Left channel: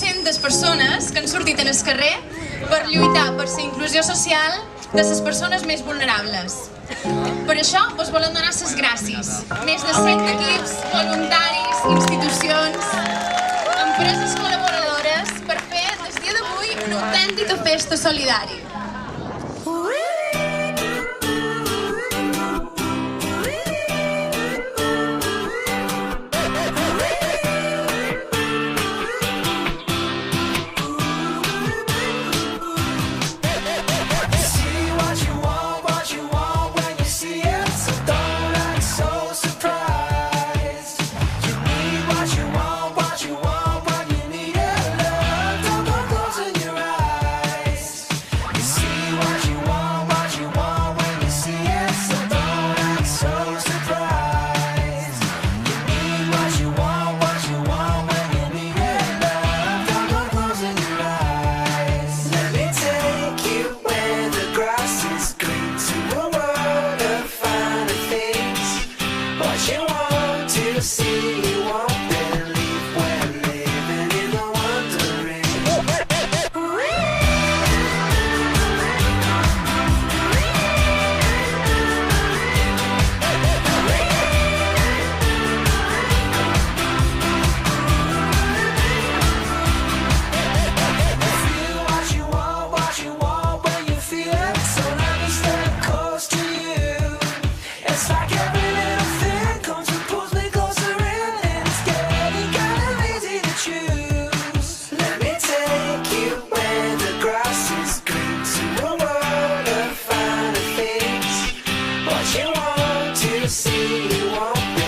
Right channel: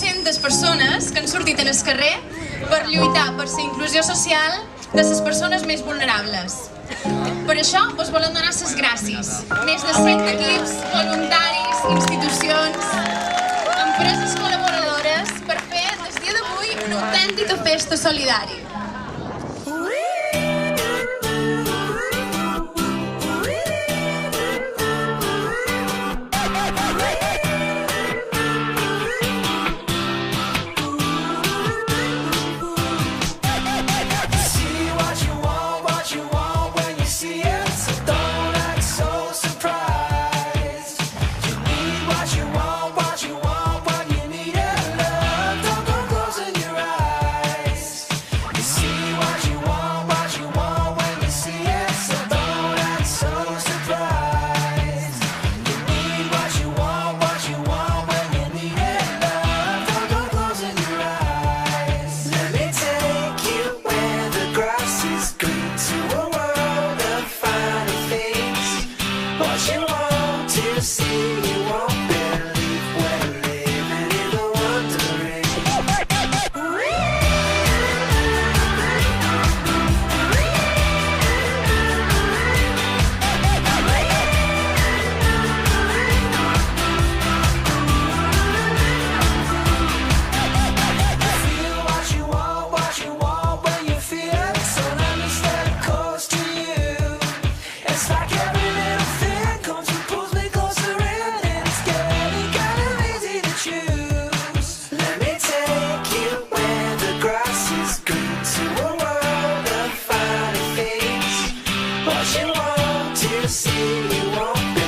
200 persones que han sortit al carrer per lluitar per la inclusió social de les persones més vulnerables. Per això us volem donar les gràcies. Més de 100 equips, voluntaris, institucions, empreses col·laboradores per fer des dia d'avui una autèntica festa solidària. What you want to see, you won't believe we're living in the wondering. Feel what you want when you feel it. So let me stand close to you. It's like every little thing comes and pulls me closer in, and it's getting kind of easy to choose. Let me take you where the grass is green, to a world of finer things. What you want to see, you won't